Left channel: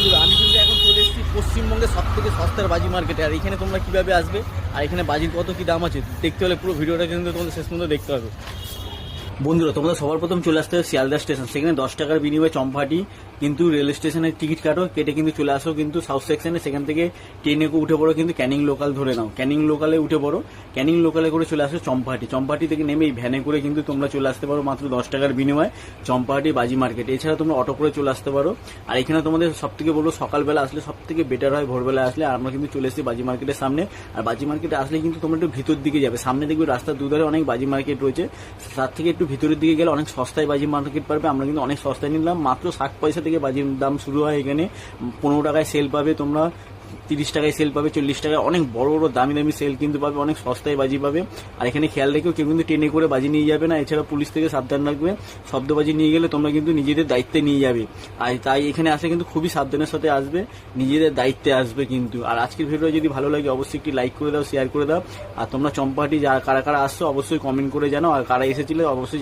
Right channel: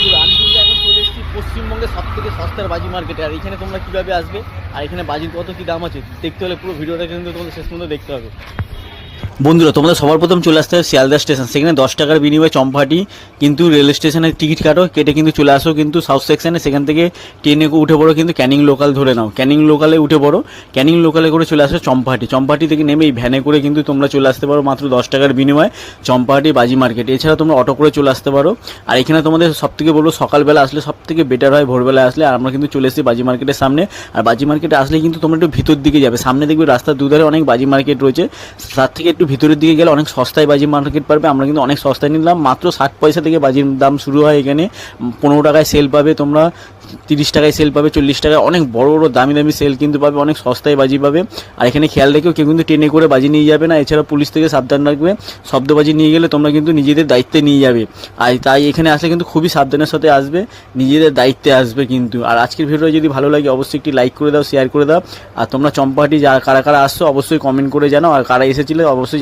বন্ধুরা আমি কিন্তু এখন চলে এসেছি পশ্চিমবঙ্গের সবথেকে সস্তার বাজি মার্কেটে। আর এখানে তোমরা কীভাবে আসবে আর এখানে বাজির কত কী দাম আছে দেখতে হলে পুরো ভিডিওটা কিন্তু তোমাদের শেষ পর্যন্ত দেখতে হবে। বন্ধুরা তোমরা সবার প্রথম চলে আসতে হবে শিয়ালদা স্টেশন, সেখানে 10 টাকার বিনিময়ে চম্পাহাটি কিন্তু রেল স্টেশনের টিকিট কাটো, কেটে কিন্তু চলে আসো কিন্তু সাউথ সেকশনে। সেখান থেকে ট্রেনে উঠে পড়ো কিন্তু ক্যানিং লোকাল ধরে নাও, ক্যানিং লোকালে উঠে পড়ো, ক্যানিং লোকালে করে চলে আসো চম্পাহাটি। চম্পাহাটি থেকে নেমে এই ভ্যানে করে কিন্তু তোমরা চলে আসতে পারো মাত্র 10 টাকার বিনিময়ে চম্পাহাটি বাজি মার্কেট। এছাড়া তোমরা অটো করে চলে আসতে পারো। আর এখানে তোমাদের সবথেকে বলবো সকালবেলা আসলে সবথেকে বেটার হয়, ভোরবেলা আসলে। আর আমরা কিন্তু চলে এসেছি বাজি মার্কেটের সামনে। আর বাজি মার্কেটে আসলে কিন্তু তোমরা একটু ভিতর দিকে যাবে, সামনে দেখবে রাস্তার দুধারে অনেক বাজি মার্কেট রয়েছে, তার থেকে একটু ভিতরের দিকে গেলে অনেক সস্তায় বাজি মার্কেট পারবে। আমরা কিন্তু অনেক সস্তায় নিলাম, মাত্র 60 পয়সা থেকে বাজির দাম শুরু হয় এখানে। 15 টাকায় সেল পাবে তোমরা, 30 টাকায় সেল পাবে, 40 টাকায় অনেক বড় বড় দামি দামি সেল কিন্তু পাবে, অনেক সস্তায় বাজি পাবে। আর এখানে খেয়াল রেখেও কেউ কিন্তু ট্রেনে করে বাজি নিয়ে যাবে না। এছাড়া পুলিশ থেকে সাবধান রাখবে, শব্দবাজি নিয়ে গেলে তোমরা কিন্তু নিজেদের দায়িত্বে নিয়ে যাবে। আর তাই এখানে আসলে কিন্তু খুবই সাবধানের সাথে আসবে, নিজেদের দায়িত্বে আসবে কিন্তু। আর আজকের ভিডিওটা যদি ভালো লাগে অবশ্যই একটি লাইক করে দাও, শেয়ার করে দাও। আর তোমরা চম্পাহাটি কারা কারা আসছো অবশ্যই কমেন্ট করে জানাও, আর কারা এসেছিলে অবশ্যই